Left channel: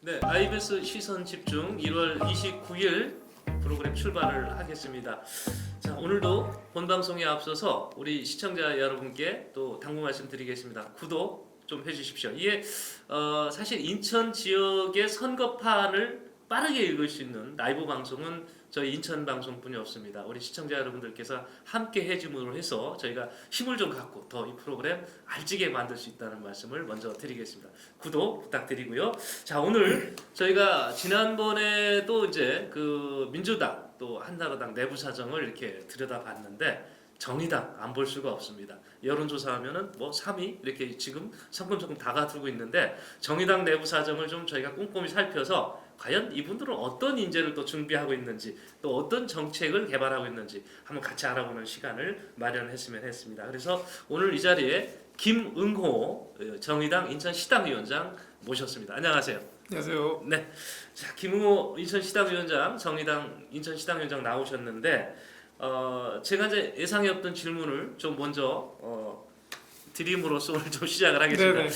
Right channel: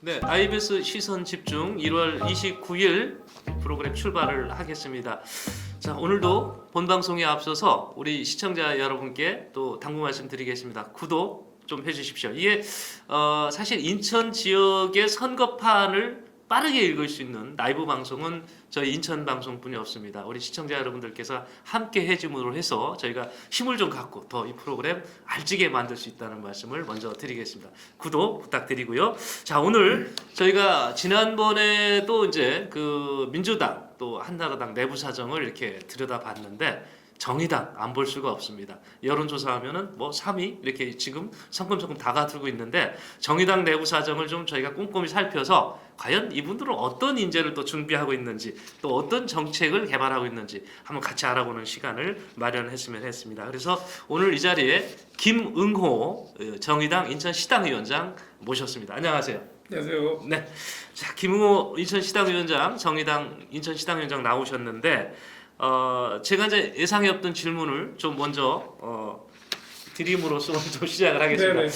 네, IBS 시선 집중 1월 29일 프로그램 출발을 하겠습니다. 자, 오늘도 본 방송에 앞서서 우리 시청자 여러분께 또 당부 말씀드리겠습니다. 구독 좀 해주십시오. 이게 사실 인천 지역의 선거판을 빠르게 읽을 수 있는 라이브 방송은 저희 인천 방송뿐이 없습니다. 우리 시청자 여러분들께서 함께 해줌으로 해서 저희가 힘을 좀 갖고 더 이 프로그램 알지게 만들 수 있다는 말씀을 먼저 드리겠습니다. 구독 부탁드리고요. 자, 오늘 저희가 지난번에도 이제 그 민주당 또 한나라당 내부 사정을 이렇게 들여다봤는데 정의당 안 볼 수가 없습니다. 여론조사하면은 뭐 3위 이렇게 지금 성큼성큼 다가들고 있는데 정의당 내부 사정을 좀 저희가 꼼꼼히 살펴서 과연 이분들은 어떤 인재를 또 준비하고 있는지 또 어떤 정책을 개발하고 있는지 한번 같이 알아보는 시간을 마련했으면 했습니다. 그래서 오늘 이 자리에 김응호 정의당 인천시당위원장 모셨습니다. 안녕하세요. 안녕하세요. 네, 자 김응호 인천시당위원장 정의당 인천시당위원장 나오셨는데 제가 이제 예상이 없던 질문을 좀 먼저 드림으로써 오늘 좀 시작을 하겠습니다. 네네.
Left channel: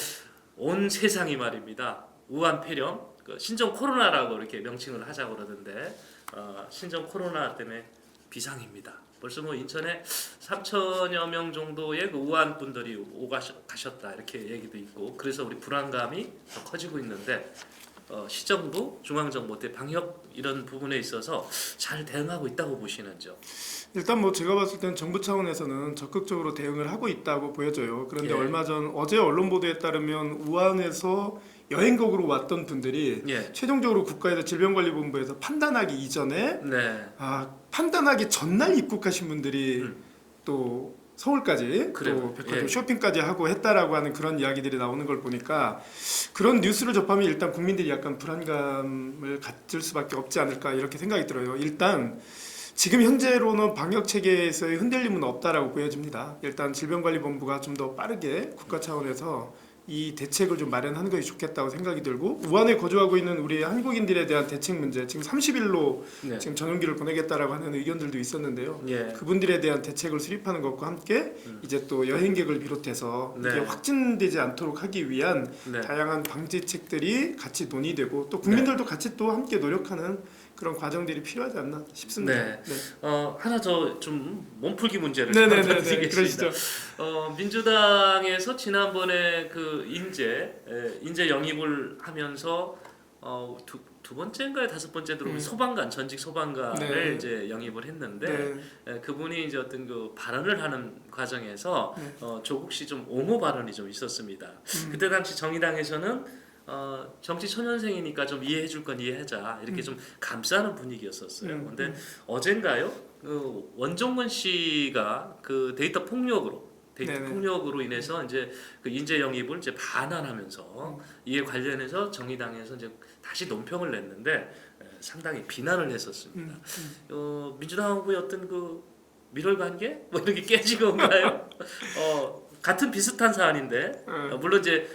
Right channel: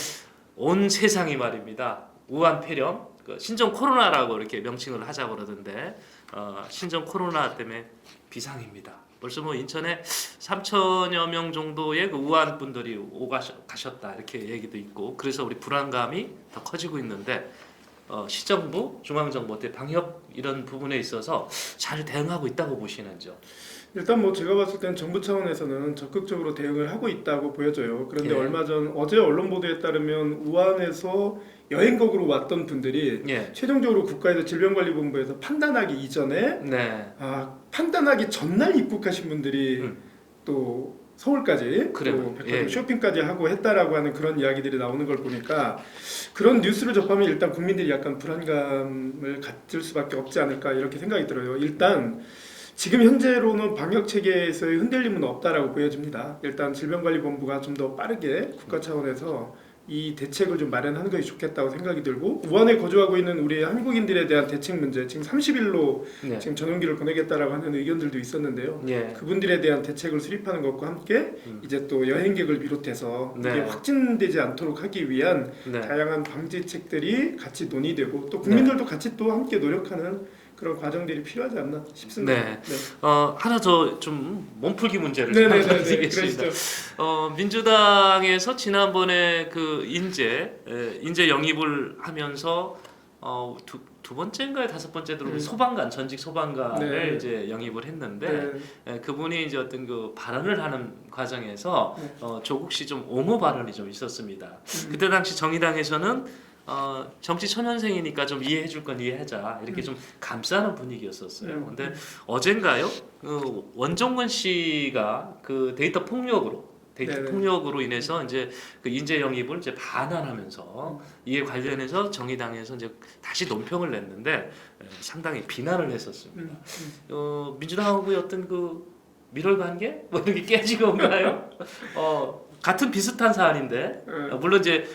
온 세상이 말입니다. 우한 폐렴, 신종 코로나라고 이렇게 명칭을 하자고 그러던데 신종 코로나 때문에 비상입니다. 벌써 뭐 인천에 3천여 명 정도의 그 우한 분들이 가셨다 이렇게 얘기도 있고 그래서 우리 불안감이 더 커지고 있는데 시정부, 중앙정부 때 방역 이런 부분에 있어서 잘 대응하고 있다고 보시는지요? 일단 뭐 제가 봤을 때는 정부 차원에서는 적극적으로 대응을 하고 있다고 보여져요. 그런데 예. 얼마 전 어제 언론 보도에 따르면 우한에서 여행객으로 왔던 분들이 예. 최종적으로 국가에서 질병관리본부에서 판단하기 이전에 네. 판단하기 전날 입국하신 분들이 또 서울까지 그래요. 또 백화점 예. 쇼핑까지 하고 했다라고 하는 그런 이야기들이 나오는 걸 보니까 그런 뉴스를 접하면 일단 국민들이 약간 불안감을 가질 수밖에 없지 않을까 이렇게 생각이 들어요. 일단 지금 현재로는 방역 체계에서의 흔들림은 없다라고 보여집니다. 일단 질병관리본부가 좀 더 빠르게 국가 차원에서 이 대책을 좀 마련하는 것이 좋겠다고 생각이 들고 우한에 거주하고 있는 우리 한국인들에 대한 대책 문제 지금 30일로 네. 지금 전용기를 보내겠다라고 하는 의견들도 있었는데요. 예. 그분들에 대한 대책을 수립하는 것과 함께 이제 또 여행객을 비롯해서 네. 이게 확진되지 않도록 하기 위한 네. 다양한 방지책들이 같이 논의되고 또 국민들도 같이 또 함께 노력하는 그런 과정들이 필요하지 않나 싶습니다. 네. 하나 더 좀 몸풀기 문제를 네네네. 드리겠습니다. 민주당에서 지난번에 그 인재 영입을 하면서 두 번째인가요, 다섯 번째로 소방관 전직 소방관을 네. 이제 영입을 했는데 그분이 이제 어떤 그 발언을 하는 과정에서 조국 씨 좀 옹호 발언이 좀 있었습니다. 그때 당시 정의당에서는 정치 초년생이니까 좀 이해해줄 건 이해하자 이렇게 좀 감싸는 분위기였었어요. 근데 어젠가요? 원종건 씨가 그 데이터 네네. 폭력으로 인해서 이제 그 인재 영입을 이제 반환하면서 이에 관련해서 정의당에서 이제 다시 논평을 냈는데 상당히 비난을 했었습니다. 민주당하고의 어떤 그 밀월 관계 뭐 이렇게 깨진 건가요? 같은 비슷한 사안인데 물론 이제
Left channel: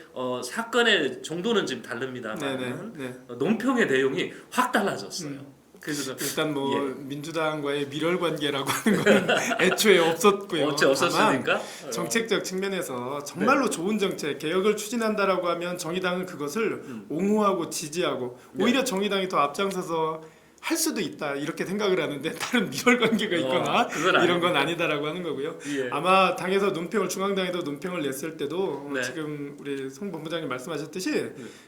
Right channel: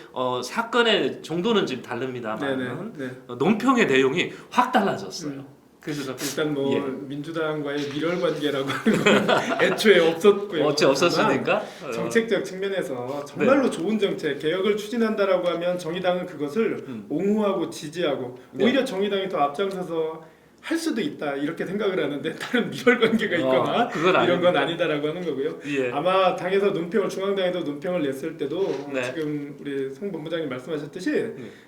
사건의 정도는 좀 다릅니다만 논평의 내용이 확 달라졌어요. 그래서 일단 뭐 예. 민주당과의 밀월 관계라고 하는 건 애초에 없었고요. 없었으니까 다만 정책적 측면에서 정말로 좋은 정책, 개혁을 추진한다라고 하면 정의당은 그것을 옹호하고 지지하고 네. 오히려 정의당이 더 앞장서서 할 수도 있다 이렇게 생각을 하는데 다른 밀월 관계가 있거나 그건 이런 건 아니다라고 하는 거고요. 예. 아마 당에서 논평을 중앙당에서 논평을 냈을 때도 네. 지금 우리 송 본부장님 말씀하셨듯이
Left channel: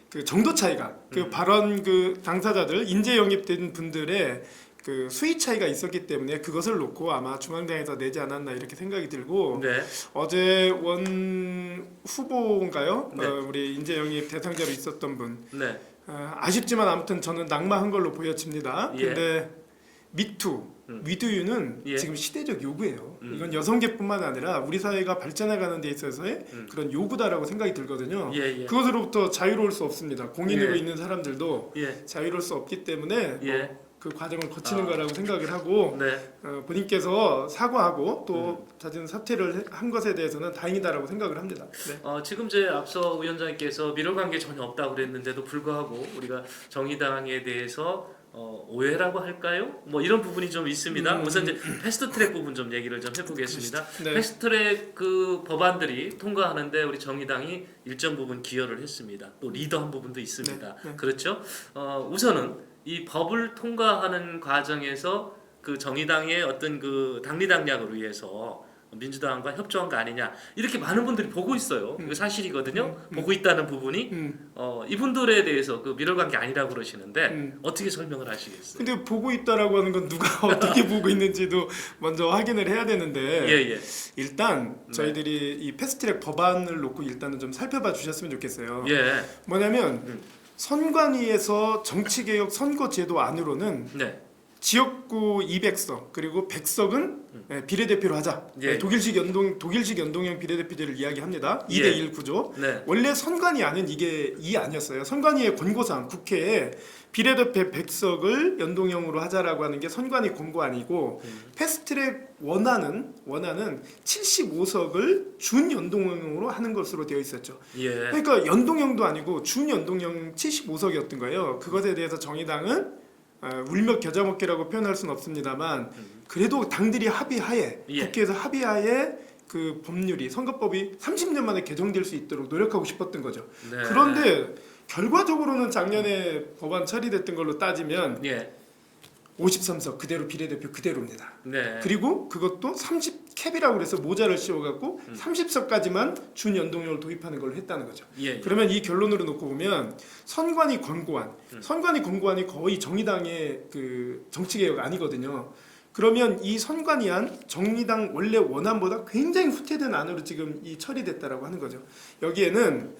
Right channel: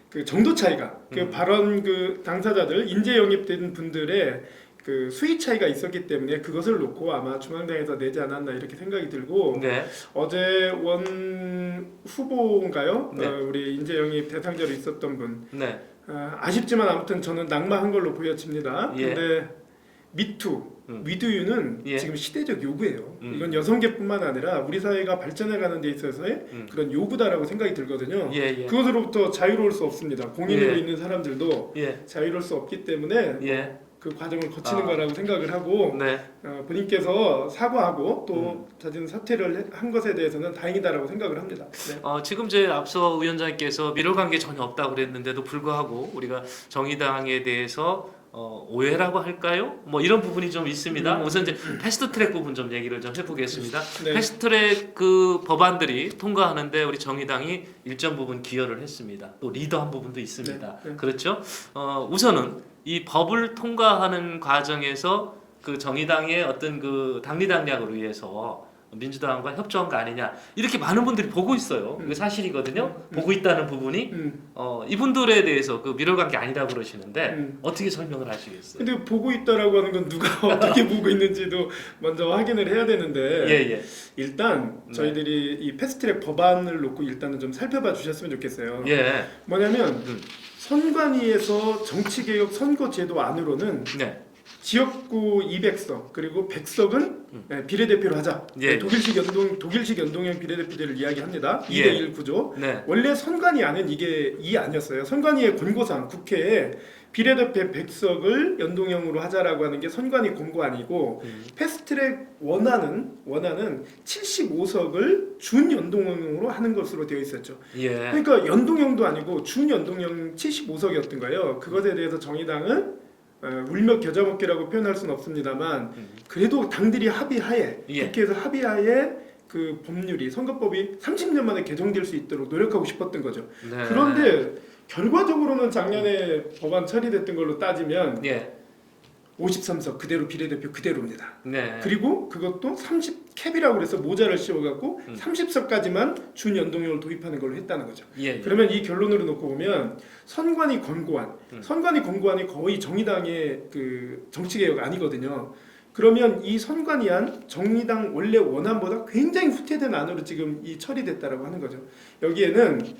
그 정도 차이가 그 발언 그 당사자들 인재 영입된 분들의 그 수위 차이가 있었기 때문에 그것을 놓고 아마 중앙당에서 내지 않았나 이렇게 생각이 들고 네. 어제 원 후보인가요? 네. 우리 인재 영입 대상자로 있었던 분 네. 아쉽지만 아무튼 저는 낙마한 걸로 보여집니다. 예. 근데 미투, 위드유는 예. 지금 시대적 요구예요. 이건 여성계뿐만 아니라 우리 사회가 발전해가는 데 있어서의 그런 요구다라고 생각이 들거든요. 예. 그것으로부터 자유로울 수 없습니다. 공인으로 예. 있는 사람들도 예. 자유로울 수 없기 때문에 예. 그 과정을 거치는 거라고 생각을 하고 네. 본인께서 사과하고 또 잦은 사퇴를 한 것에 대해서는 다행이다라고 생각을 합니다. 네. 지금 제 앞서 위원장님께서 밀월 관계 전혀 없다고 그랬는데도 불구하고 우리가 정의당에 대해서 오해라고 할까요? 뭐 이런 부분이 좀 있습니다. 우선 이제 패스트트랙 부분 좀 얘기를 좀 해보겠습니다. 네. 패스트트랙 그 법안들이 통과하는데 우리 정의당이 일정 부분 기여를 했습니다. 또 리더한 부분도 있습니다. 네. 그렇죠? 우선은 이 법을 통과하는 과정에서 그 정의당의 어떤 그 당리당략을 위해서 민주당과 협조한 거 아니냐 이렇게 많은 분들이 보고 있어요. 이거 사실이거든요. 보고 있다는 부분이 이분들에 대해서 그 미뤄간 게 아니라고 그러시는데 어떻게 설명을 하시겠어요? 근데 보고 있다라고 하는 건 누가 어떻게 보고 있는지도 먼저 확인을 해야 되는데 예. 일단 네. 저희들이 이 패스트트랙 법안을 놓고 일단은 좀 살펴봐 주셨으면 좋겠어요. 예. 뭐냐면 선관위에서 정치개혁 선거제도 안으로는 네. 지역구 200석 그리고 100석은 비례대표로 하자. 예. 독일식 연동형 비례대표제를 이야기합니다. 예. 2대1 구조. 네. 원래 선관위 안은 이게 이 아니었어요. 선관위의 권고상 국회에 비례대표 100석을 연동형으로 하자라고 하는 게 선관위 권고안이고 패스트트랙 원안은 75석을 준연동형으로 하는 것으로 되어 있었죠. 예. 그러니까 연동형도 아니고 준연동형 75석이었던 거예요. 그것에 대해서 정의당은 울며 겨자 먹기라고 표현할 수는 없습니다만 그래도 당들이 합의하에 예. 국회에서 합의하에 그 법률이 선거법이 30년 만에 개정될 수 있도록 노력하고 싶었던 거죠. 네. 그런데 결과적으로는 작년에 법안 처리됐던 걸로 따지면 예. 53석 그대로 비례대표 그대로입니다. 네. 그리고 그것도 30 캡이라고 그래서 모자를 씌워갖고 30석까지만 준연동형을 도입하는 걸로 했다는 거죠. 예. 그러면 이 결론으로 놓고 보면 선관위 권고안이 거의 정의당의 그 정치개혁 아니거든요. 그러면 이 선관위안 정의당 원래 원안보다 굉장히 후퇴된 안으로 지금 이 처리됐다라고 하는 거죠. 여기에는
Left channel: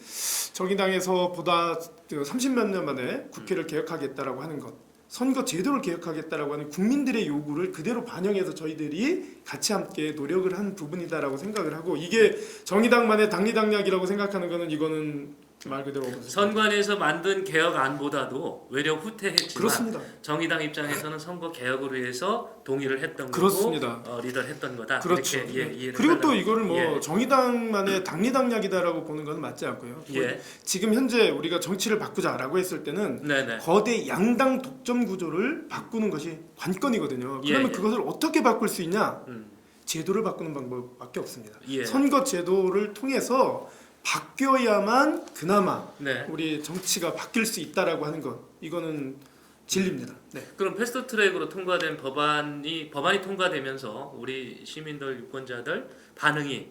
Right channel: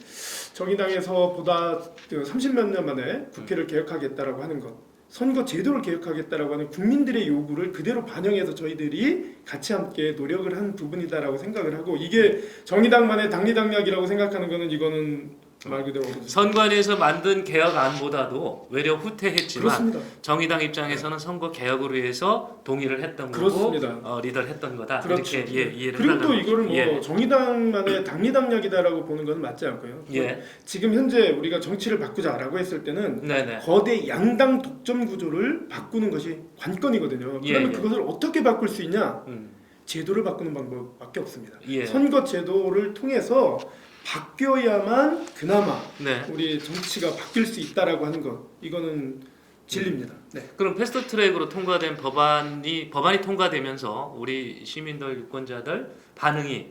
정의당에서 보다 30몇 년 만에 국회를 개혁하겠다라고 하는 것, 선거 제도를 개혁하겠다라고 하는 국민들의 요구를 그대로 반영해서 저희들이 같이 함께 노력을 한 부분이다라고 생각을 하고 이게 정의당만의 당리당략이라고 생각하는 거는 이거는 말 그대로 선관위에서 만든 개혁안보다도 외려 후퇴했지만 그렇습니다. 정의당 입장에서는 선거 개혁을 위해서 동의를 했던 그렇습니다. 거고 리더를 했던 거다. 그렇죠. 이렇게 이해를 그리고 또 하려면. 이거를 뭐 예. 정의당만의 당리당략이다라고 보는 건 맞지 않고요. 예. 지금 현재 우리가 정치를 바꾸자라고 했을 때는 네네. 거대 양당 독점 구조를 바꾸는 것이 관건이거든요. 그러면 예. 그것을 어떻게 바꿀 수 있냐? 음. 제도를 바꾸는 방법밖에 없습니다. 예. 선거 제도를 통해서 바뀌어야만 그나마 네. 우리 정치가 바뀔 수 있다라고 하는 것 이거는 진리입니다. 네. 그럼 패스트트랙으로 통과된 법안이 통과되면서 우리 시민들 유권자들 반응이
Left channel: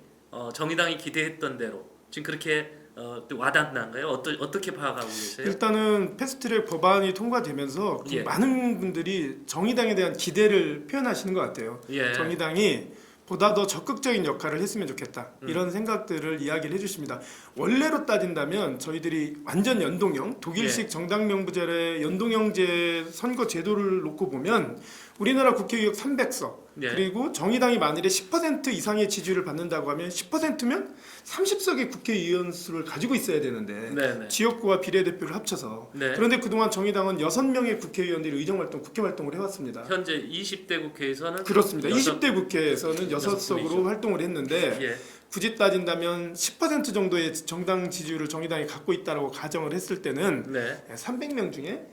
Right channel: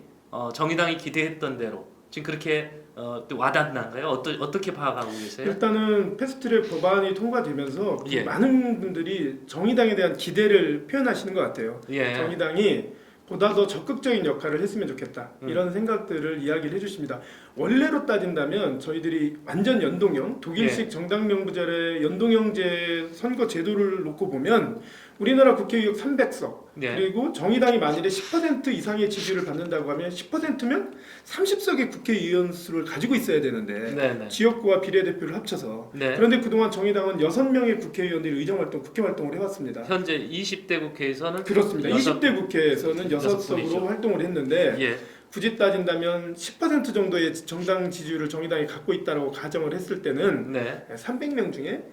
정의당이 기대했던 대로 지금 그렇게 또 와닿나요? 어떻게 파악하고 계세요? 일단은 패스트트랙 법안이 통과되면서 예. 많은 분들이 정의당에 대한 기대를 표현하시는 것 같아요. 예. 정의당이 보다 더 적극적인 역할을 했으면 좋겠다 이런 생각들을 이야기를 해주십니다. 원래로 따진다면 저희들이 완전 연동형 독일식 정당명부제의 연동형제 선거 제도를 놓고 보면 우리나라 국회의원 300석 네. 그리고 정의당이 만일에 10% 이상의 지지를 받는다고 하면 10%면 30석의 국회의원 수를 가지고 있어야 되는데 네네. 지역구와 비례대표를 합쳐서 네. 그런데 그동안 정의당은 6명의 국회의원들이 의정활동, 국회활동을 해왔습니다. 현재 20대 국회에서는 그렇습니다. 20대 국회에서는 여섯 6석으로 분이죠. 활동을 했는데 예. 굳이 따진다면 10% 정도의 정당 지지율을 정의당이 갖고 있다고 가정을 했을 때는 네. 300명 중에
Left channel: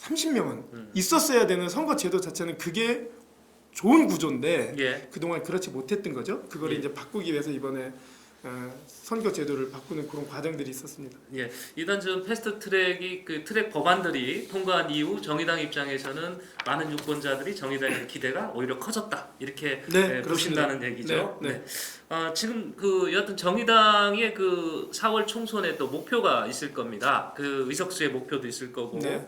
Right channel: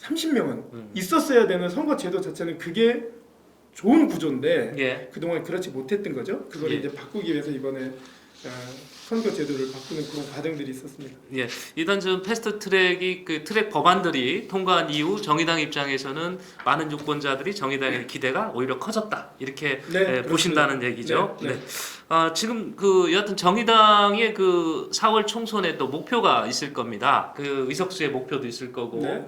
30명은 있었어야 되는 선거 제도 자체는 그게 좋은 구조인데 예. 그동안 그렇지 못했던 거죠. 그걸 예. 이제 바꾸기 위해서 이번에 선거 제도를 바꾸는 그런 과정들이 있었습니다. 예, 일단 지금 패스트트랙이 그 트랙 법안들이 통과한 이후 정의당 입장에서는 많은 유권자들이 정의당의 기대가 오히려 커졌다 이렇게 네, 보신다는 얘기죠. 네, 네. 지금 그 여하튼 정의당의 그 4월 총선에 또 목표가 있을 겁니다. 그 의석수의 목표도 있을 거고. 네.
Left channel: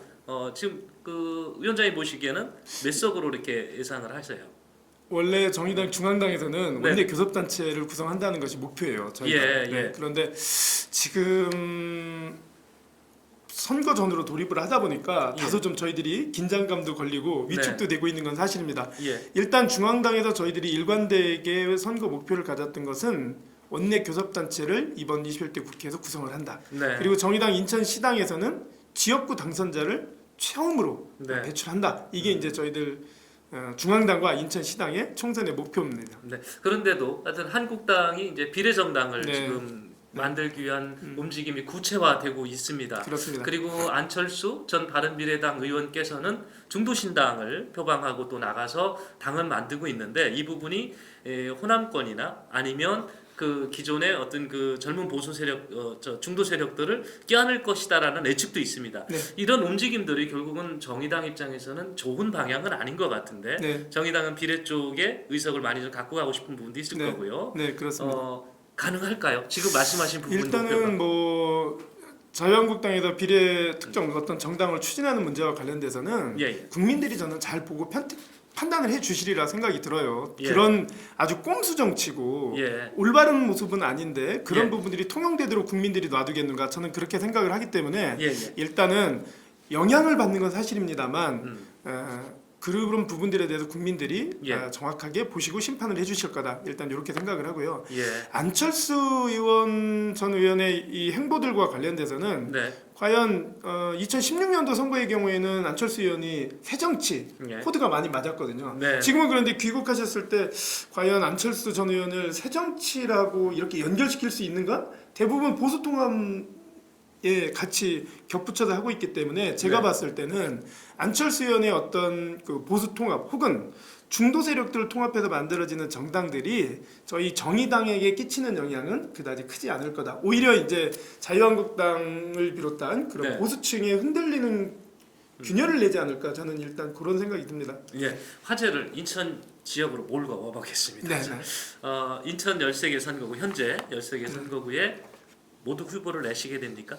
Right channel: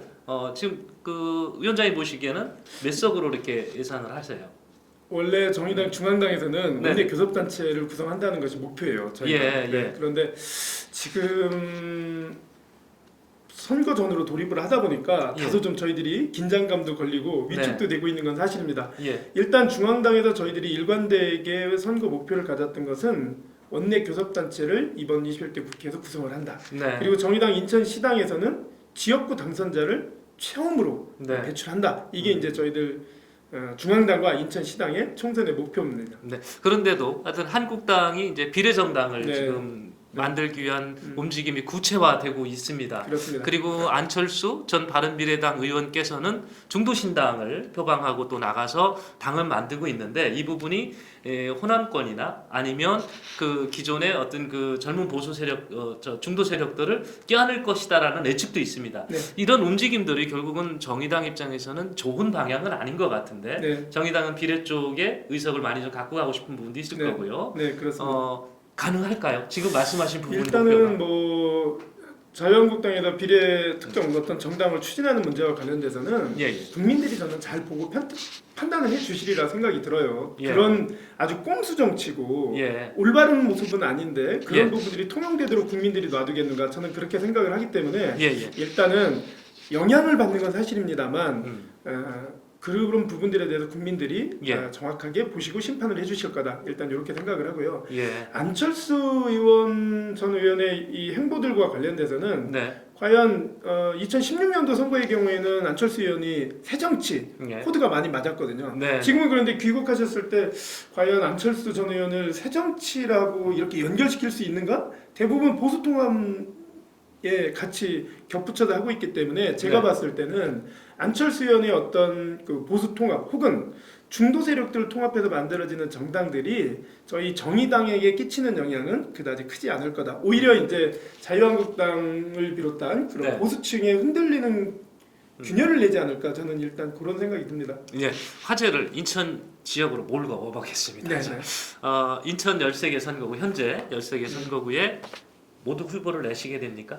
지금 그 위원장이 보시기에는 몇 석으로 이렇게 예상을 하세요? 원래 정의당 중앙당에서는 네. 원내 교섭단체를 구성한다는 것이 목표예요. 저희가. 예. 그런데 지금 선거 전으로 돌입을 하다 보니까 예. 다소 좀 저희들이 긴장감도 걸리고 위축도 되고 있는 건 사실입니다. 예. 일단 중앙당에서 저희들이 일관되게 선거 목표를 가졌던 것은 원내 교섭단체를 이번 21대 국회에서 구성을 한다. 네. 그리고 정의당 인천시당에서는 지역구 당선자를 처음으로 네. 배출한다. 이게 이제 저희들 중앙당과 인천시당의 총선의 목표입니다. 네. 그런데도 하여튼 한국당이 이제 비례정당을 네. 지금 만들기 위한 움직임이 구체화되고 있습니다. 그렇습니다. 그리고 안철수 전 바른미래당 의원께서는 중도신당을 표방하고 또 나가서 당을 만들고 있는데 이 부분이 호남권이나 아니면 그 기존의 어떤 그 젊은 보수 세력, 중도 세력들을 껴안을 것이다라는 예측도 있습니다. 네. 이런 움직임들이 결국은 정의당 입장에서는 좋은 방향은 아닌 것 같은데 네. 정의당은 비례 쪽에 의석을 많이 좀 갖고 가고 싶은 부분도 있을 네. 거고요. 네, 그렇습니다. 가능할까요? 지금 말씀하신 부분 목표가. 일단은 뭐 자유한국당에서 비례 특정 어떤 정당을 추진하는 문제와 관련돼서는 예. 국민들이 저는 잘 보고 판단을 해주시리라 생각이 들어요. 예. 그런 아주 꼼수 정치고 예. 올바른 모습은 아닌데 그런 예. 부분들이 통용되도록 국민들이 놔두겠는가 저는 그렇게 생각을 하기 때문에 예. 일단은 영향을 받는 건 사실입니다만 음. 그런 부분들에 대해서 국민들이 예. 정확하게 보시고 심판을 해주실 거다. 일단 이렇게 생각을 하고요. 예. 안철수 의원 전 의원의 이 행보들과 관련돼서는 네. 과연 2016년도 선거의 경우에는 안철수 의원이 새정치 예. 코드가 많이 맞았거든요. 네. 지금은 그런데 귀국하셨을 때 과연 안철수 전 의원을 새정치라고 이렇게 연결시킬 수 있는가? 대부분 보수 통합에 같이 겹붙여서 하고 있기 때문에 제가 네. 봤을 때는 안철수 의원의 어떤 그 보수 통합 혹은 중도 세력들을 통합해서 만들어지는 정당들이 저희 정의당에게 끼치는 영향은 그다지 크지 않을 거다. 오히려 이제 자유한국당을 비롯한 그런 네. 보수층에 흔들리는 균열을 내지 않을까 저는 일단 그런 생각이 듭니다. 예. 화제를 인천 지역으로 몰고 와보겠습니다. 네. 인천 13개 선거구 현재 13개 선거구에 모두 후보를 내시게 됩니까?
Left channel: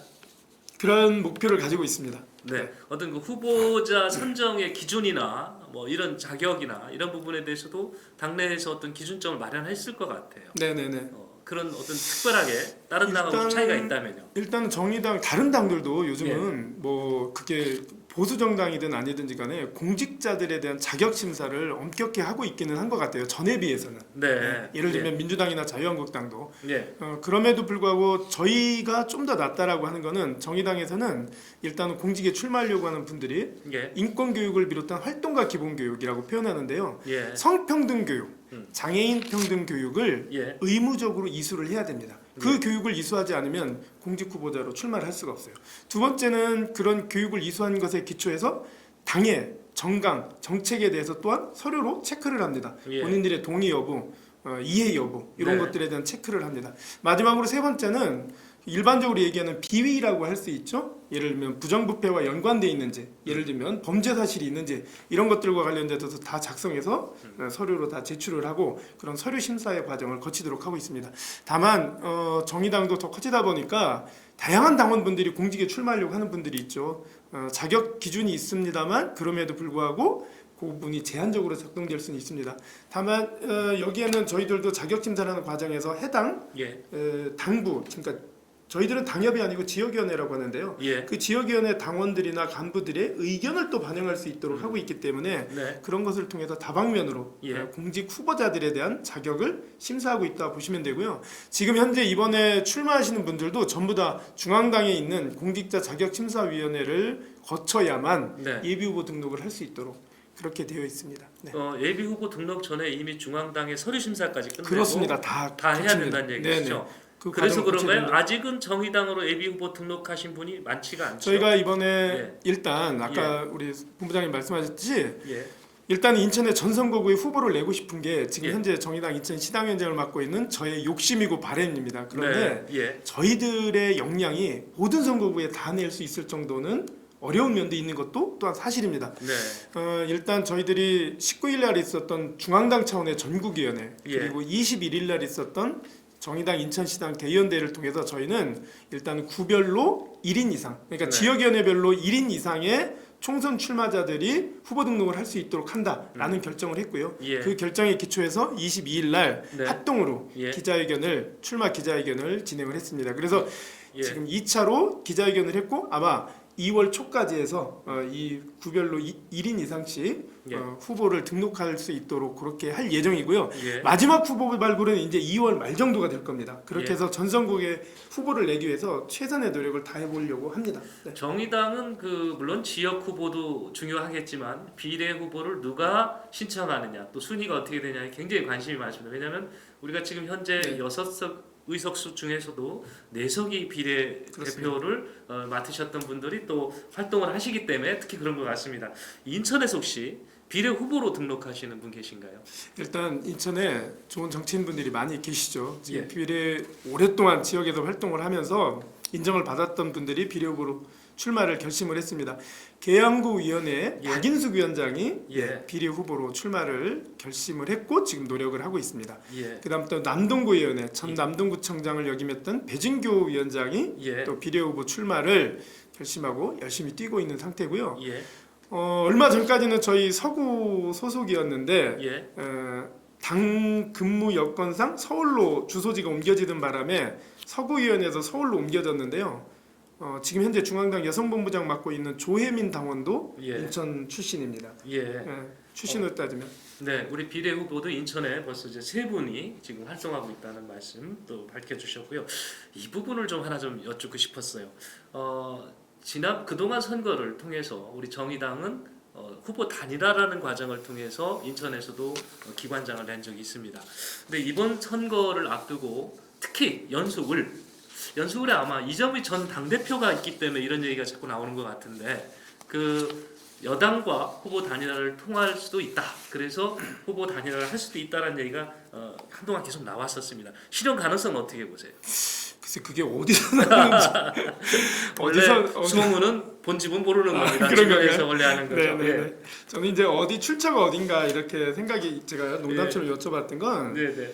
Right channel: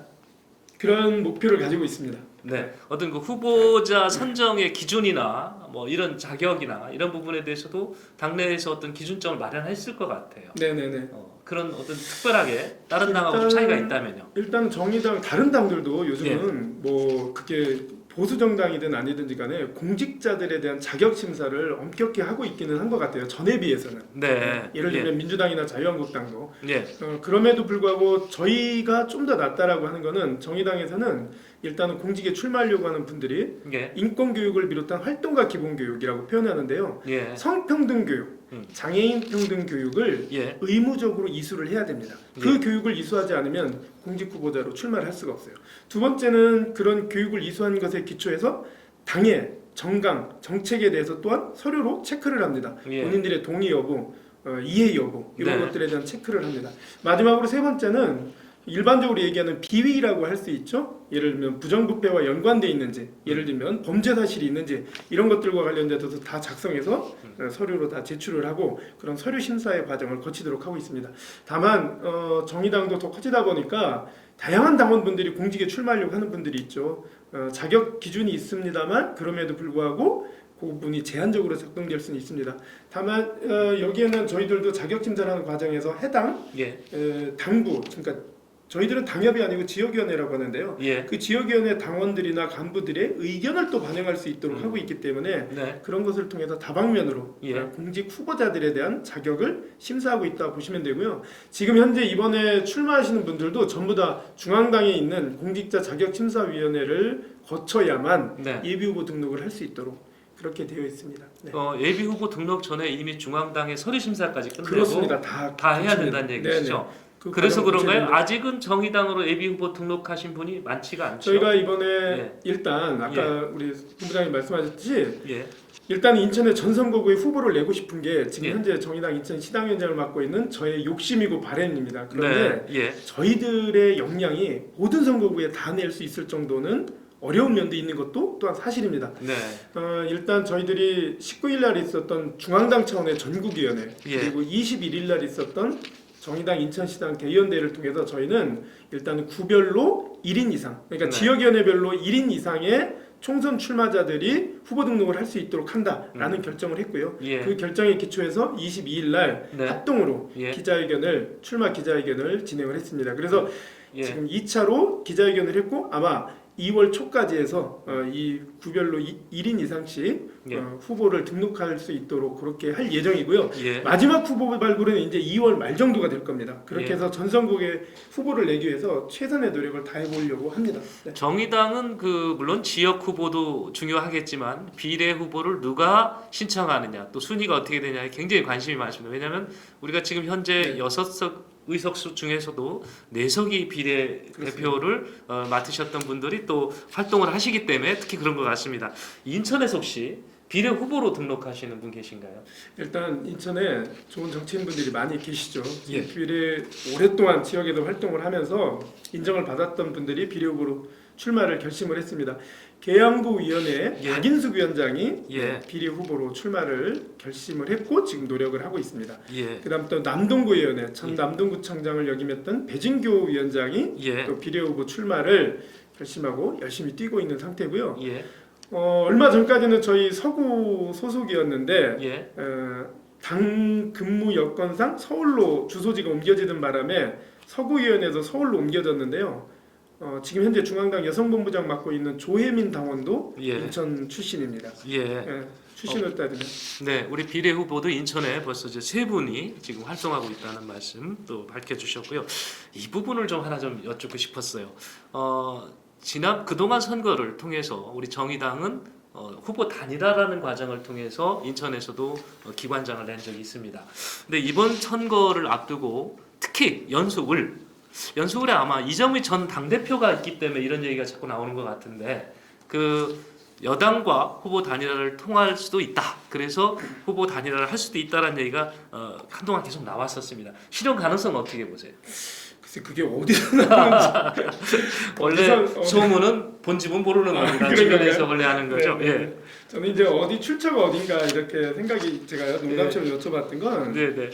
그런 목표를 가지고 있습니다. 네. 어떤 그 후보자 선정의 기준이나 뭐 이런 자격이나 이런 부분에 대해서도 당내에서 어떤 기준점을 마련했을 것 같아요. 네네네. 그런 어떤 특별하게 다른 당하고 차이가 있다면요. 일단 정의당 다른 당들도 요즘은 뭐 그게 보수 정당이든 아니든지 간에 공직자들에 대한 자격 심사를 엄격히 하고 있기는 한 것 같아요. 전에 비해서는. 네. 예를 들면 민주당이나 자유한국당도 예. 그럼에도 불구하고 저희가 좀 더 낫다라고 하는 거는 정의당에서는 일단은 공직에 출마하려고 하는 분들이 예. 인권 교육을 비롯한 활동가 기본 교육이라고 표현하는데요. 예. 성평등 교육, 음. 장애인 평등 교육을 예. 의무적으로 이수를 해야 됩니다. 그 교육을 이수하지 않으면 공직 후보자로 출마를 할 수가 없어요. 두 번째는 그런 교육을 이수한 것에 기초해서 당의 정강, 정책에 대해서 또한 서류로 체크를 합니다. 예. 본인들의 동의 여부, 이해 여부 이런 네. 것들에 대한 체크를 합니다. 마지막으로 세 번째는 일반적으로 얘기하는 비위라고 할 수 있죠. 예를 들면 부정부패와 연관돼 있는지, 예를 들면 범죄 사실이 있는지 이런 것들과 관련돼서 다 작성해서 서류로 다 제출을 하고 그런 서류 심사의 과정을 거치도록 하고 있습니다. 다만 정의당도 더 커지다 보니까 다양한 당원분들이 공직에 출마하려고 하는 분들이 있죠. 자격 기준이 있습니다만 그럼에도 불구하고 그 부분이 제한적으로 작동될 수는 있습니다. 다만 여기에는 저희들도 자격 심사를 하는 과정에서 해당 예. 당부, 그러니까 저희들은 당협이 아니고 지역위원회라고 하는데요. 예. 그 지역위원회 당원들이나 간부들의 의견을 또 반영할 수 있도록 하고 있기 때문에 네. 그런 것을 통해서 다방면으로 예. 공직 후보자들에 대한 자격을 심사하고 있다 보시면 되고요. 지금 현재 이번에 출마하시는 분들도 전부 다 중앙당에 있는 공직자 자격심사위원회를 거쳐야만 네. 예비후보 등록을 할 수 있도록 그렇게 되어 있습니다. 네. 예비 후보 등록 전에 이미 중앙당의 서류 심사까지 끝내고 그렇습니다. 다 다 해야 거칩니다. 된다는 얘기시죠. 네네. 그 그래서 과정을 그런가요? 거쳐야 아직은 정의당으로 예비 후보 등록하신 분이 많지가 않죠. 저희가 이번에 예. 일단 아까 우리 본부장님 말씀하셨듯이 예. 일단 인천의 전 선거구에 후보를 내고 싶은 게 지금 예. 현재 정의당 인천 시당위원장을 맡고 있는 저의 욕심이고 바람입니다. 그런데 네. 예. 저희들의 역량이 모든 선거구에 다 낼 수 있을 정도는 어려운 면도 있는 것도 또한 사실입니다. 네. 일단 저희들이 19일 날 있었던 중앙당 차원의 전국위원회 예. 그리고 21일 날 있었던 정의당 인천시당 대의원대를 통해서 저희는 일단 구별로 1인 이상 그러니까 네. 지역위원회별로 1인 이상의 총선 출마자들이 후보 등록을 할 수 있도록 한다라는 결정을 했고요. 예. 그 결정에 기초해서 22일 날 네. 합동으로 예. 출마 기자회견을 진행을 했습니다. 그래서 예. 지금 2차로 기자회견을 했고 아마 2월 초까지 해서 이 구별로 1인 이상씩 예. 후보를 등록할 수 있도록 그렇게 할 예정이고요. 예. 마지막 후보 발굴은 이제 2월 말 정도가 될 겁니다. 그렇게 예. 해서 전선국에 후보를 내기 위해서 최선의 노력을 다해보려고 합니다. 네. 정의당은 물론 지역 후보도 중요하겠지만 비례 후보를 누가 신청하느냐 또 순위가 어떻게 되냐에 굉장히 관심이 많습니다. 왜냐하면 우리가 지금 현재 네. 의석 중에서도 내석이 비례대표를 맡으셨던 분들이 또 활동을 하시기 때문에 특히 그런 것 같습니다. 인천에서 혹시 비례 후보로 등록하시는 분 계신가요? 일단 인천에 좋은 정치인분들이 많이 계시죠. 예. 비례 오랫동안 지역에서 활동을 하면서 인정을 받았던 분들이 비례 후보로 출마를 결심을 했습니다. 계양구위원회 예. 박인숙 위원장이 예. 비례 후보로 출마를 결심을 했고 지금 노력을 하고 있습니다. 예. 그다음 또 남동구위원회 전 예. 남동구청장을 역임했던 배진교 위원장이 예. 또 비례 후보 출마를 결심하고 열심히 뛰고 있는 상태고요. 예. 얼마 전까지는 저희 서구 소속이었는데 예. 당 근무 여건상 서울로 주소지가 옮겨지는 바람에 서구위원회에서 서울로 옮겨졌는데요. 지금 현재 중앙당 여성본부장 맡고 있는 조혜민 당원도 예. 인천 출신입니다. 예. 출신으로 따지면 네, 우리 비례 후보도 인천에 벌써 이제 3분이 지금 활동하고 있다는 말씀 또 밝혀주셨고요. 이 부분을 좀 하나 좀 여쭙고 싶었어요. 그동안 선거를 통해서 우리 정의당은 후보 단일화라는 과정을 통해서 인천에서도 기관장을 낸 적이 있습니다. 근데 이번 선거를 앞두고 특히 연수울에 아마 이정미 전 당대표가 있기 때문에 이런 얘기가 자꾸 나오는 것 같은데 그 여당과 후보 단일화를 통할 수도 있다. 그래서 후보 단일화를 할 수도 있다라는 얘기가 한동안 계속 나왔었습니다. 실현 가능성은 어떻게 보세요? 글쎄 그게 어디서 나오는지 원래 소문은 본집은 모르는 겁니다. 그런 주변에서 거예요? 원래 하는 거죠. 네, 네. 저는 이제 어디 출처가 어딘가 이렇게 생각이 제가 농담처럼 여쭤봤던 건 네, 네.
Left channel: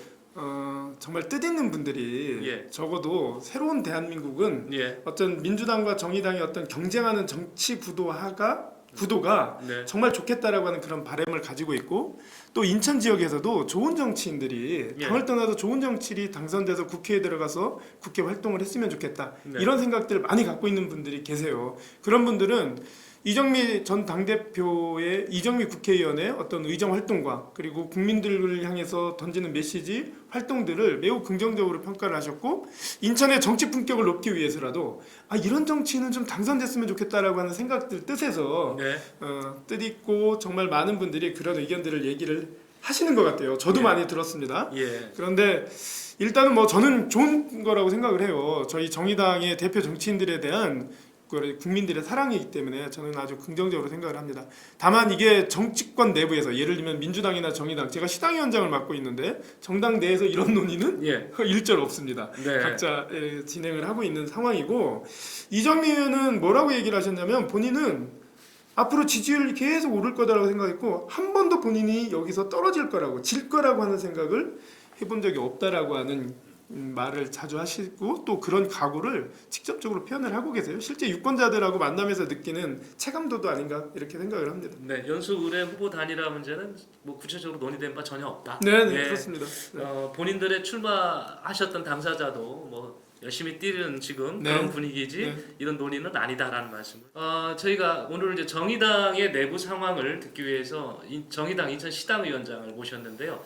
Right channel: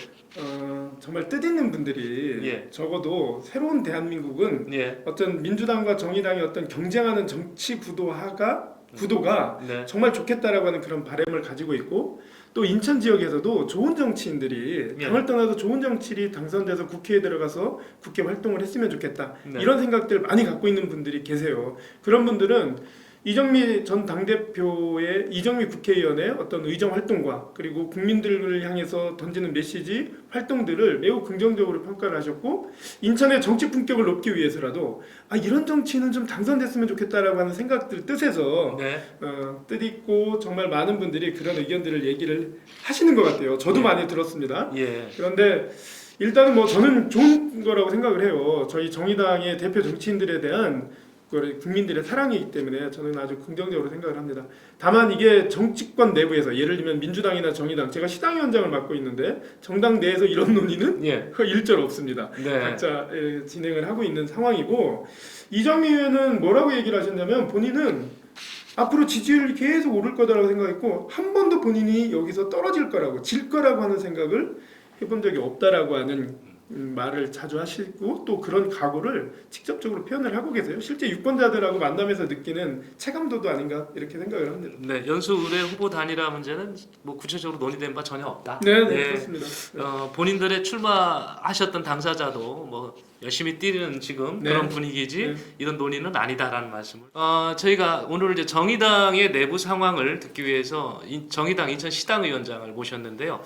정말 뜻있는 분들이 예. 적어도 새로운 대한민국은 예. 어떤 민주당과 정의당의 어떤 경쟁하는 정치 구도가 네. 정말 좋겠다라고 하는 그런 바람을 가지고 있고 또 인천 지역에서도 좋은 정치인들이 예. 당을 떠나서 좋은 정치인이 당선돼서 국회에 들어가서 국회 활동을 했으면 좋겠다 네. 이런 생각들을 많이 갖고 있는 분들이 계세요. 그런 분들은 이정미 전 당대표의 이정미 국회의원의 어떤 의정 활동과 그리고 국민들을 향해서 던지는 메시지 활동들을 매우 긍정적으로 평가를 하셨고 인천의 정치 품격을 높이기 위해서라도 이런 정치인은 좀 당선됐으면 좋겠다라고 하는 생각들 뜻에서 네. 뜻있고 정말 많은 분들이 그런 의견들을 얘기를 하시는 것 같아요. 저도 예. 많이 들었습니다. 예. 그런데 일단은 뭐 저는 좋은 거라고 생각을 해요. 저희 정의당의 대표 정치인들에 대한 국민들의 사랑이기 때문에 저는 아주 긍정적으로 생각을 합니다. 다만 이게 정치권 내부에서 예를 들면 민주당이나 정의당 제가 시당위원장을 맡고 있는데 정당 내에서 이런 논의는 예. 일절 없습니다. 네. 각자 진행을 하고 있는 상황이고 이정미 의원은 뭐라고 얘기를 하셨냐면 본인은 앞으로 지지율이 계속 오를 거다라고 생각했고 한 번도 본인이 여기서 떨어질 거라고 질 거라고 하는 생각을 해본 적이 없다라고 하는 말을 자주 하시고 또 그런 각오를 직접적으로 표현을 하고 계세요. 실제 유권자들하고 만나면서 느끼는 체감도도 아닌가 이렇게 생각을 합니다. 네, 연수울의 후보 단일화 문제는 뭐 구체적으로 논의된 바 전혀 없다. 네, 예. 그렇습니다. 본인들의 출마하셨던 당사자도 뭐 열심히 뛰는 지금 네. 그런 분위기지 네. 이런 논의는 아니다라는 말씀을. 저희가 오늘 이제 정의당의 내부 상황을 듣기 위해서 정의당 인천 시당위원장을 모셨는데요.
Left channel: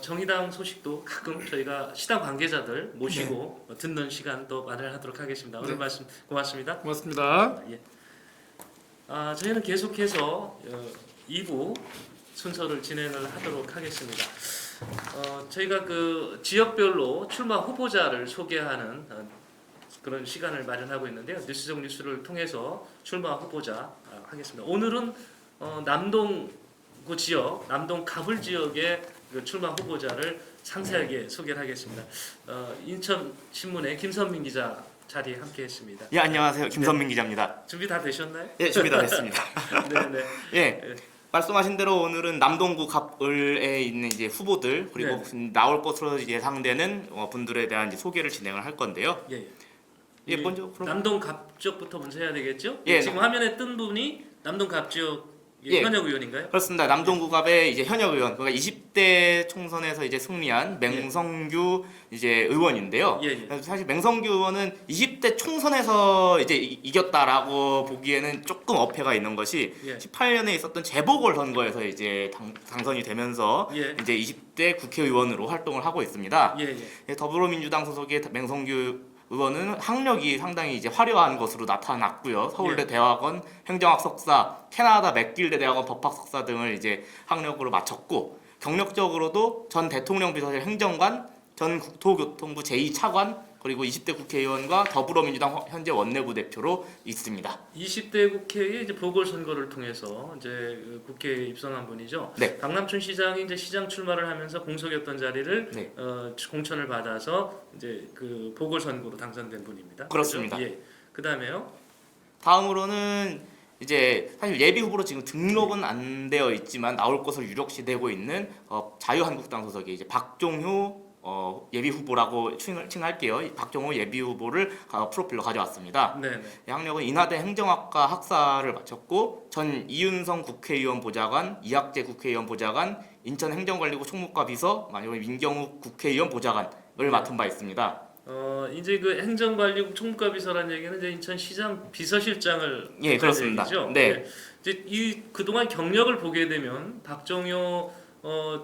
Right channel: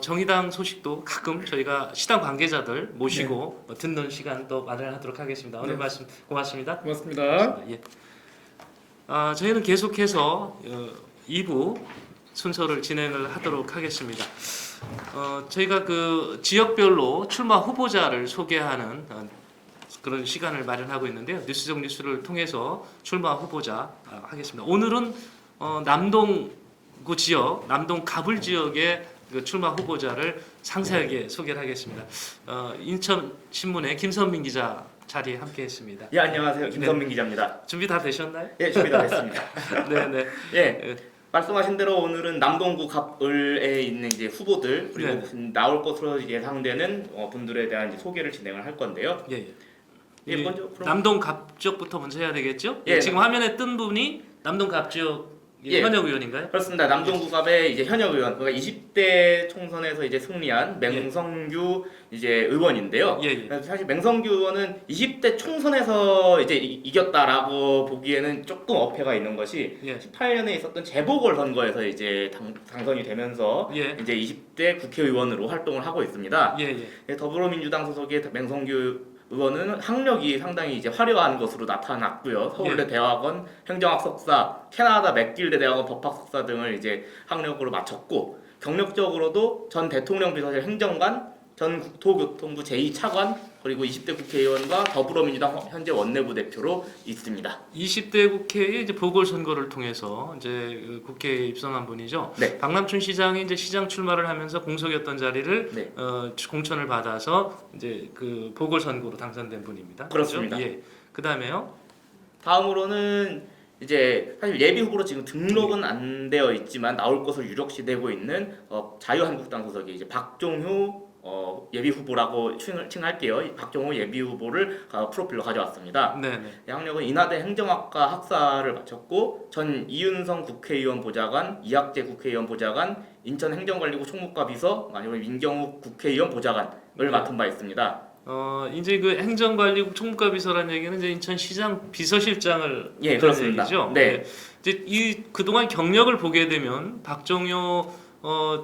정의당 소식도 가끔 저희가 시당 관계자들 모시고 듣는 시간도 마련하도록 하겠습니다. 오늘 네. 말씀 고맙습니다. 고맙습니다. 예. 저희는 계속해서 2부 순서를 진행을 하도록 하겠습니다. 저희가 그 지역별로 출마 후보자를 소개하는 그런 시간을 마련하고 있는데요. 뉴스적 뉴스를 통해서 출마 후보자 하겠습니다. 오늘은 남동구 지역, 남동 가불 지역의 그 출마 후보자를 상세하게 소개를 하겠습니다. 인천 신문의 김선민 기자 자리에 함께했습니다. 예, 안녕하세요. 김선민 기자입니다. 준비 다 되셨나요? 예, 준비 다 됐습니다. 네네. 예, 말씀하신 대로 오늘은 남동구 갑을에 있는 이제 후보들 그리고 나올 것으로 예상되는 분들에 대한 이제 소개를 진행을 할 건데요. 예. 예, 먼저 그럼 남동 갑 지역부터 먼저 해야 되겠죠? 예. 지금 화면에 뜬 분이 남동 갑 지역 현역 의원인가요? 그렇습니다. 남동구 갑의 이제 현역 의원, 그러니까 20대 총선에서 이제 승리한 맹성규 이제 의원인데요. 예. 사실 맹성규 의원은 20대 총선에서 이제 이겼다라고 보기에는 조금 어폐가 있는 것이 예. 18년에 있었던 재보궐 선거에서 이제 당선이 되면서 예. 이제 20대 국회의원으로 활동을 하고 있습니다. 예. 더불어민주당 소속의 맹성규 의원은 학력이 상당히 이제 화려한 것으로 나타났고요. 서울대 예. 대학원 행정학 석사, 캐나다 맥길드 대학원 법학 석사 등을 이제 학력으로 마쳤고 경력적으로도 전 대통령 비서실 행정관, 전 국토교통부 제2차관 그리고 20대 국회의원과 더불어민주당 현재 원내부 대표로 있습니다. 20대 국회의 이제 보궐선거를 통해서 이제 그 국회에 입성한 분이죠. 네. 박남춘 시장이 이제 시장 출마를 하면서 공석이었던 자리를 네. 공천을 받아서 이제 그 보궐선거로 당선된 분입니다. 그렇습니다. 그렇죠? 예. 그다음에요. 다음으로는 이제 사실 예비 후보로 지금 등록은 안 되어 있지만 나올 것으로 유력시 되고 있는 자유한국당 소속의 이제 박종효 예비 후보라고 칭할게요. 이 박종호 예비 후보를 프로필로 가져왔습니다. 네, 네. 양력은 인하대 행정학과 학사를 마쳤고 전 이윤성 국회의원 보좌관, 이학재 국회의원 보좌관, 인천 행정관리부 총무과 비서, 아니면 민경욱 국회의원 보좌관을 맡은 바 있습니다. 이제 그 행정관리국 총무과 비서라는 얘기는 이제 인천시장 비서실장을 예, 뜻하는 그렇습니다. 얘기죠. 네. 이제 이 그동안 경력을 보게 되면 박정효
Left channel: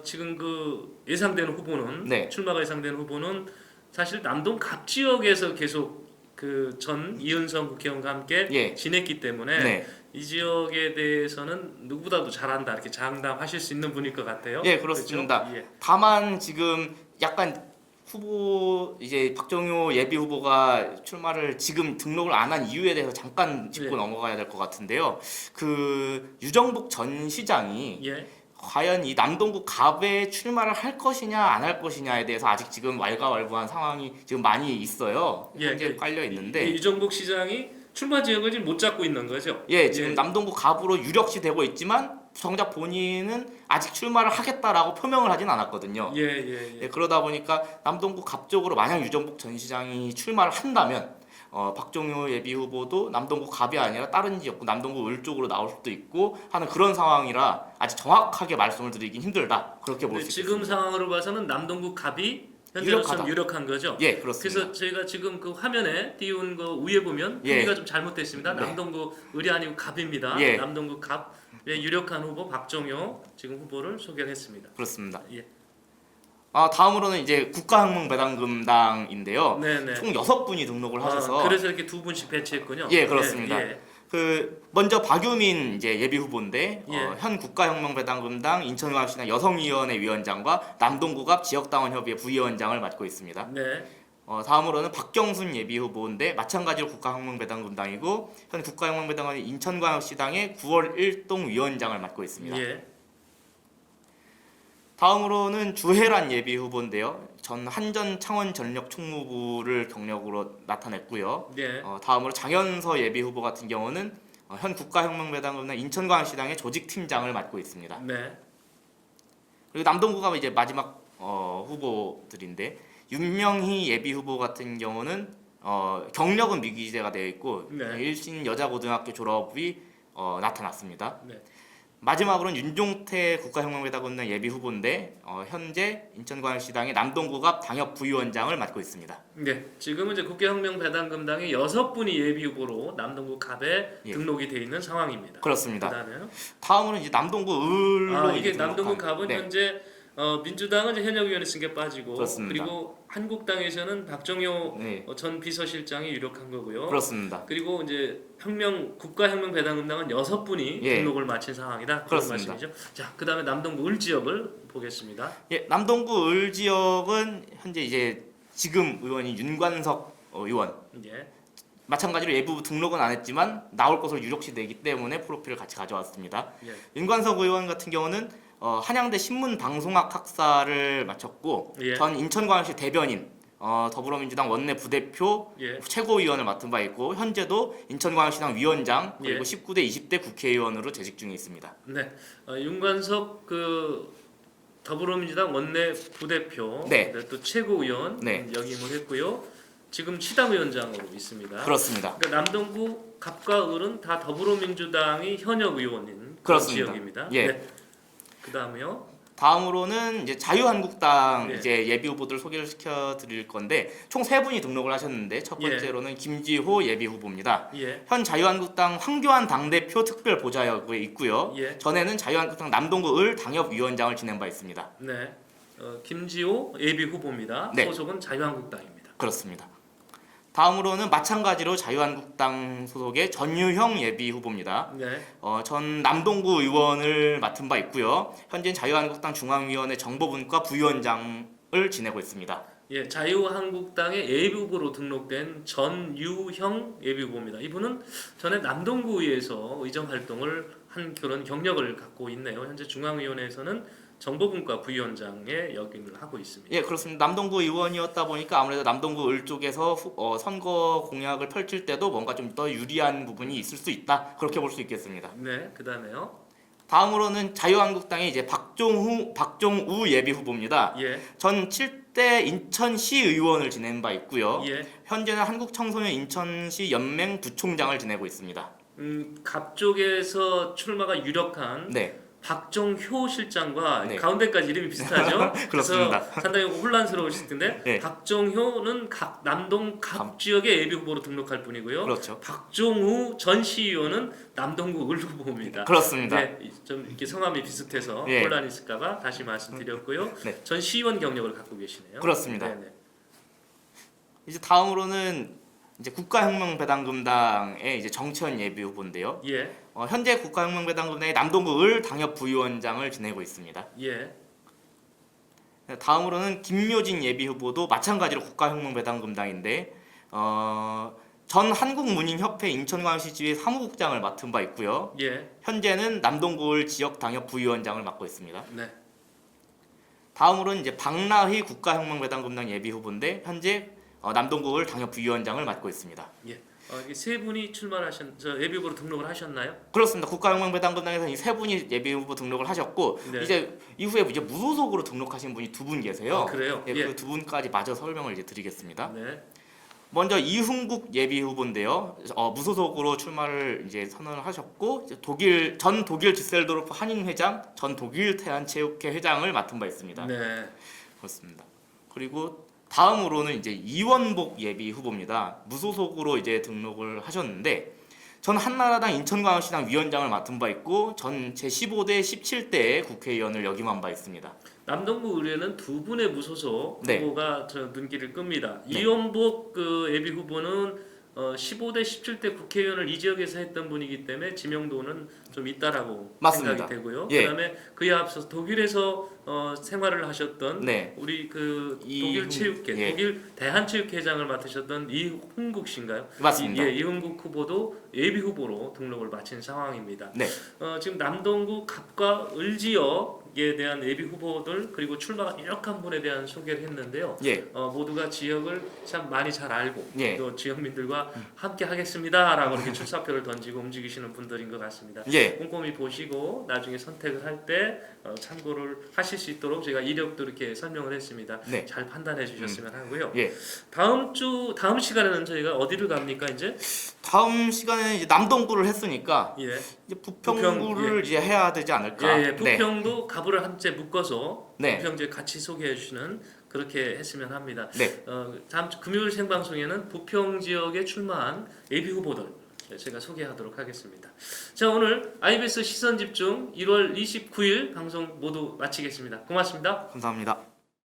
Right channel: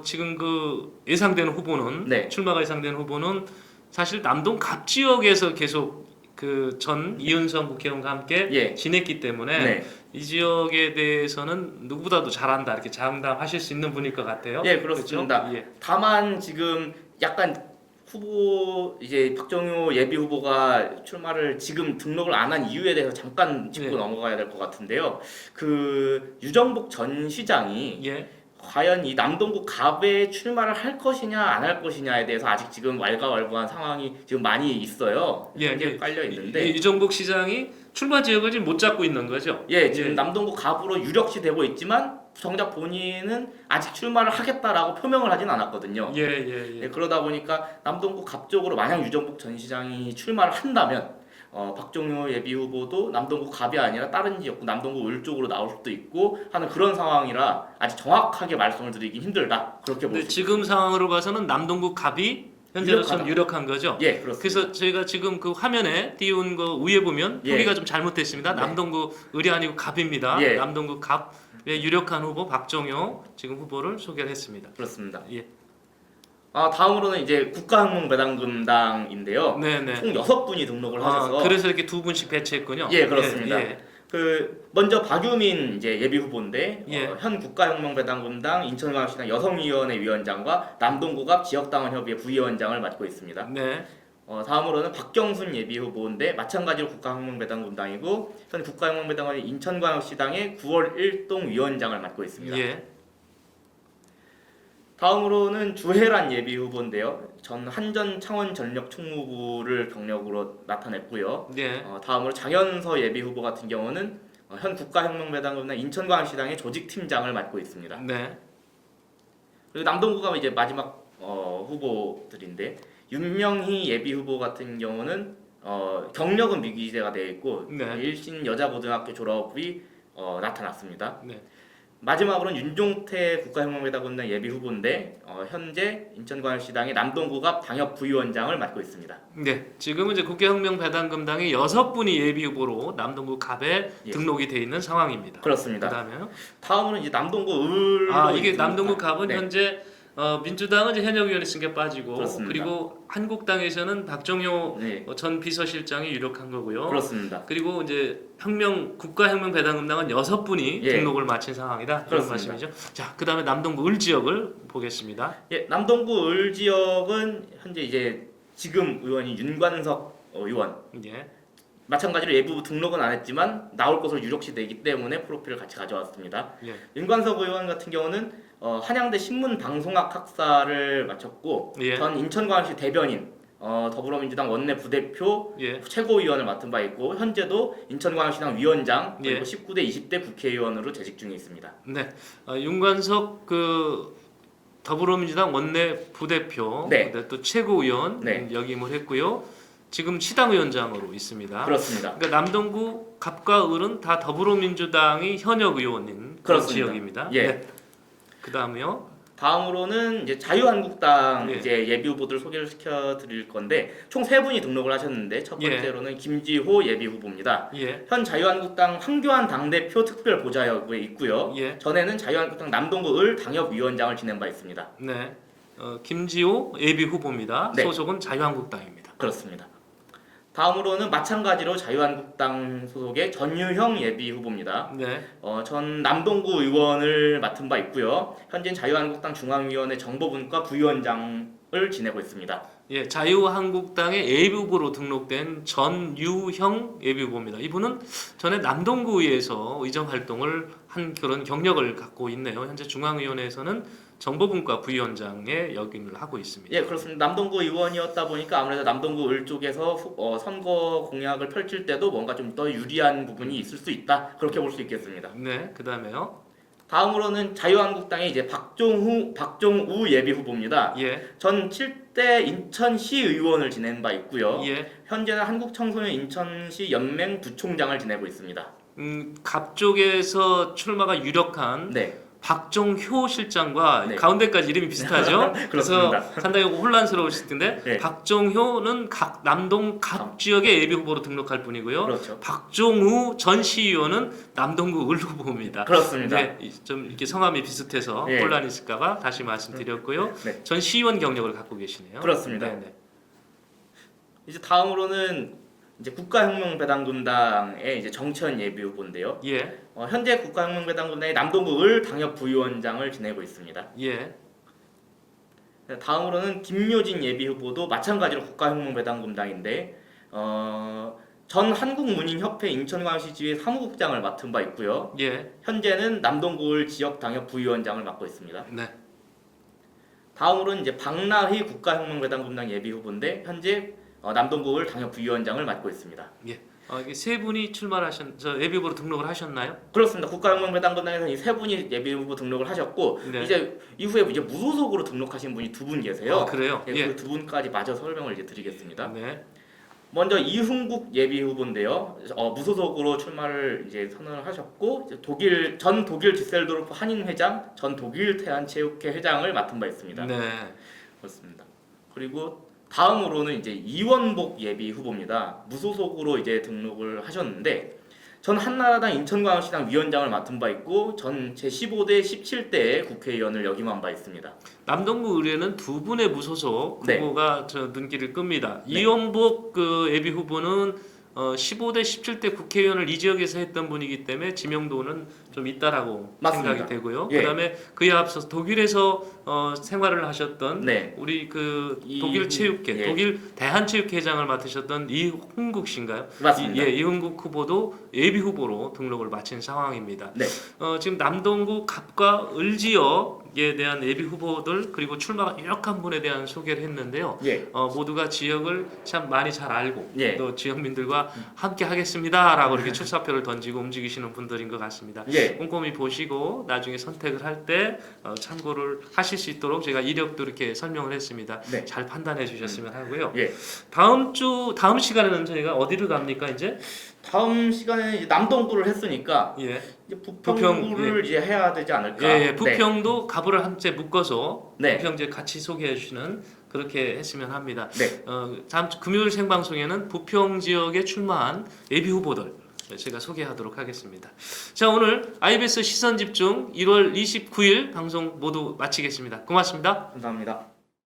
지금 그 예상되는 후보는 네. 출마가 예상되는 후보는 사실 남동 갑 지역에서 계속 그 전 이윤성 국회의원과 함께 예. 지냈기 때문에 네. 이 지역에 대해서는 누구보다도 잘한다 이렇게 장담하실 수 있는 분일 것 같아요. 예, 그렇습니다. 그렇죠? 예. 다만 지금 약간 후보 이제 박정효 예비 후보가 출마를 지금 등록을 안 한 이유에 대해서 잠깐 짚고 네. 넘어가야 될 것 같은데요. 그 유정복 전 시장이 예. 과연 이 남동구 갑에 출마를 할 것이냐 안 할 것이냐에 대해서 아직 지금 왈가왈부한 상황이 지금 많이 있어요. 예, 이제 깔려 있는데 이정복 시장이 출마 지역을 지금 못 잡고 있는 거죠. 예, 지금 예. 남동구 갑으로 유력시 되고 있지만 정작 본인은 아직 출마를 하겠다라고 표명을 하진 않았거든요. 예. 그러다 보니까 남동구 갑 쪽으로 만약 유정복 전 시장이 출마를 한다면 박종효 예비 후보도 남동구 갑이 아니라 다른 지역 남동구 을 쪽으로 나올 수도 있고 하는 그런 상황이라 아직 정확하게 말씀을 드리긴 힘들다 그렇게 볼 근데 수 지금 있습니다. 상황으로 봐서는 남동구 갑이 현재로서 좀 유력한 거죠. 예, 그렇습니다. 그래서 저희가 지금 그 화면에 띄운 거 위에 보면 예. 표기가 좀 잘못됐습니다. 네. 남동구 을이 아니고 갑입니다. 예. 남동구 갑의 유력한 후보 박종효 지금 후보를 소개를 했습니다. 그렇습니다. 예. 다음으로는 이제 국가혁명배당금당인데요. 네네. 총 6분이 등록을 하셔서 그래서 이렇게 두 분씩 배치했군요. 예, 그렇습니다. 예. 그 먼저 박유민 이제 예비 후보인데 예. 현 국가혁명배당금당 인천광역시당 여성위원회 위원장과 남동구갑 지역당원협의회 부위원장을 맡고 있습니다. 네. 다음으로는 박경순 예비 후보인데 마찬가지로 국가혁명배당금당이고 현 국가혁명배당은 인천광역시당의 9월 1동 위원장을 맡고 있습니다. 예. 다음으로는 주혜란 예비 후보인데요. 전 한전 창원전력 총무부를 경력으로 나타냈고요. 예. 다음으로 장현서 예비 후보 같은 경우는 현 국가혁명배당금당 인천광역시당의 조직팀장을 맡고 있습니다. 네. 그리고 남동구가 이제 마지막 후보들인데 윤명희 예비 후보 같은 경우는 경력은 미기재가 되어 있고 네. 일신 여자고등학교 졸업이 나타났습니다. 네. 마지막으로는 윤종태 국가혁명배당금당 예비 후보인데 현재 인천광역시당의 남동구갑 당협 부위원장을 맡고 있습니다. 네, 지금은 이제 국가혁명배당금당이 6분이 예비 후보로 남동구 갑에 예. 등록이 돼 있는 상황입니다. 그렇습니다. 그다음에요. 다음은 이제 남동구 을로 이게 이제 남동구 갑은 네. 현재 민주당은 이제 현역위원회 승계 빠지고 그렇습니다. 그리고 한국당에서는 박정효 네. 전 비서실장이 유력한 거고요. 그렇습니다. 그리고 이제 국가혁명배당금당은 6분이 예. 등록을 마친 상황이다. 그런 그렇습니다. 말씀이죠. 자, 그다음에 남동구 을 지역을 보겠습니다. 예, 남동구 을 지역은 현재 이제 지금 의원이 윤관석 의원 예. 마찬가지로 예부 등록은 안 했지만 나올 것으로 유력시 되기 때문에 프로필을 같이 가져왔습니다. 예. 윤관석 의원 같은 경우는 한양대 신문방송학 학사를 마쳤고 예. 전 인천광역시 대변인 더불어민주당 원내 부대표 예. 최고위원을 맡은 바 있고 현재도 인천광역시당 위원장 그리고 예. 19대 20대 국회의원으로 재직 중에 있습니다. 네, 윤관석 그 더불어민주당 원내 부대표, 네. 또 최고위원 네. 역임을 했고요. 지금 시당위원장으로 있습니다. 그렇습니다. 그러니까 남동구 갑과 을은 다 더불어민주당이 현역 의원인 그런 그렇습니다. 지역입니다. 예. 네. 그다음에요. 다음으로는 이제 자유한국당 예. 이제 예비 후보들 소개를 시켜드릴 건데 총 3분이 등록을 하셨는데 첫 번째로는 김지호 예비 후보입니다. 예. 현 자유한국당 황교안 당대표 특별 보좌역에 있고요. 예. 전에는 자유한국당 남동구 을 당협위원장을 지낸 바 있습니다. 네. 김지호 예비 후보입니다. 네. 소속은 자유한국당입니다. 그렇습니다. 다음으로는 마찬가지로 자유한국당 소속의 전유형 예비 후보입니다. 네. 전 남동구 의원을 맡은 바 있고요. 현재 자유한국당 중앙위원회 정보분과 부위원장을 지내고 있습니다. 예, 자유한국당의 예비후보로 등록된 전유형 예비후보입니다. 이분은 전에 남동구에서 의정 활동을 한 그런 경력을 갖고 있네요. 현재 중앙위원회에서는 정보분과 부위원장의 역임을 하고 있습니다. 예, 그렇습니다. 남동구 의원이었다 보니까 아무래도 남동구 을 쪽에서 선거 공약을 펼칠 때도 뭔가 좀 더 유리한 부분이 있을 수 있다. 그렇게 볼 수 있겠습니다. 네, 그다음에요. 다음으로는 자유한국당의 이제 박종우 예비 후보입니다. 예, 전 7대 인천시 의원을 지낸 바 있고요. 예. 현재는 한국청소년 인천시 연맹 부총장을 지내고 있습니다. 갑 쪽에서 출마가 유력한 네, 박종효 실장과 네. 가운데까지 이름이 비슷하죠. 그래서 그렇습니다. 상당히 혼란스러우실 텐데 네. 박종효는 남동 갑 지역의 예비 후보로 등록할 뿐이고요. 그렇죠. 박종우 전 시의원은 남동구 을 후보입니다. 그렇습니다. 네, 좀 이렇게 성함이 비슷해서 네. 혼란이 있을까봐 다시 말씀드렸고요. 네. 전 시의원 경력을 갖고 계시네요. 그렇습니다. 네, 네. 이제 다음으로는 이제 국가혁명배당금당의 이제 정치현 예비 후보인데요. 예, 현재 국가혁명배당금당의 남동구 을 당협 부위원장을 지내고 있습니다. 예, 다음으로는 김묘진 예비 후보도 마찬가지로 국가혁명배당금당인데 전 한국문인협회 인천광역시 지회 사무국장을 맡은 바 있고요. 예, 현재는 남동구 을 지역 당협 부위원장을 맡고 있습니다. 네. 다음으로는 이제 박나희 국가혁명배당금당 예비 후보인데 현재 남동구 을 당협 부위원장을 맡고 있습니다. 예. 이게 세 분이 저 예비 후보로 등록을 하셨나요? 그렇습니다. 국가혁명배당금당에서 이 세 분이 예비 후보 등록을 하셨고 네. 이제 이후에 이제 무소속으로 등록하신 분이 두 분 계세요. 아, 그래요? 예, 예. 그 두 분까지 마저 설명을 이제 드리겠습니다. 네. 먼저 이흥국 예비 후보인데요. 무소속으로 출마를 이제 선언을 하셨고 이제 전 독일 디셀도르프 한인 회장, 전 독일 태안체육회 회장을 맡은 바 있습니다. 네. 그렇습니다. 그리고 다음으로는 이제 이원복 예비 후보입니다. 무소속으로 이제 등록을 하셨는데 전 한나라당 인천광역시당 위원장을 맡은 바 있고 전 제15대 17대 국회의원을 역임한 바 있습니다. 남동구 의뢰는 두 분의 무소속 네. 후보가 저 눈길을 끕니다. 네. 이원복 그 예비 후보는 15대 17대 국회의원을 이 지역에서 했던 분이기 때문에 지명도는 좀 있다라고 맞습니다. 생각이 되고요. 예. 그다음에 그에 앞서서 독일에서 생활을 하셨던 네. 우리 그 이- 독일 체육회, 예. 독일 대한체육회장을 맡으셨던 이흥국 씨인가요? 맞습니다. 이흥국 후보도 예비 후보로 등록을 마친 상황입니다. 네. 지금 남동구 갑과 을 지역에 대한 예비 후보들 그리고 출마가 유력한 분에 대한 소개를 했는데요. 예. 모두가 지역을 참 많이 잘 알고 예. 또 지역민들과 함께 하겠습니다라고 이렇게 출사표를 던지고 움직이시는 분들인 것 같습니다. 예. 꼼꼼히 보시고 나중에 선택을 할 때 참고를 하실 수 있도록 제가 이력도 이렇게 설명을 했습니다. 네. 잘 판단해 주셨으면 하고요. 예. 다음 시간에는 저희가 어디로 갑니까 이제? 다음 시간에는 이제 남동구를 했으니까 예. 이제 부평구를 이제 해야 되지 않을까. 예, 부평도 가부를 함께 묶어서 네. 부평 이제 같이 소개해 주시는 그렇게 했으면 합니다. 네. 다음 주 금요일 생방송에는 부평 지역에 출마한 예비 후보들 제가 소개하도록 하겠습니다. 자, 오늘 IBS 시선 집중 1월 29일 방송 모두 마치겠습니다. 고맙습니다. 감사합니다.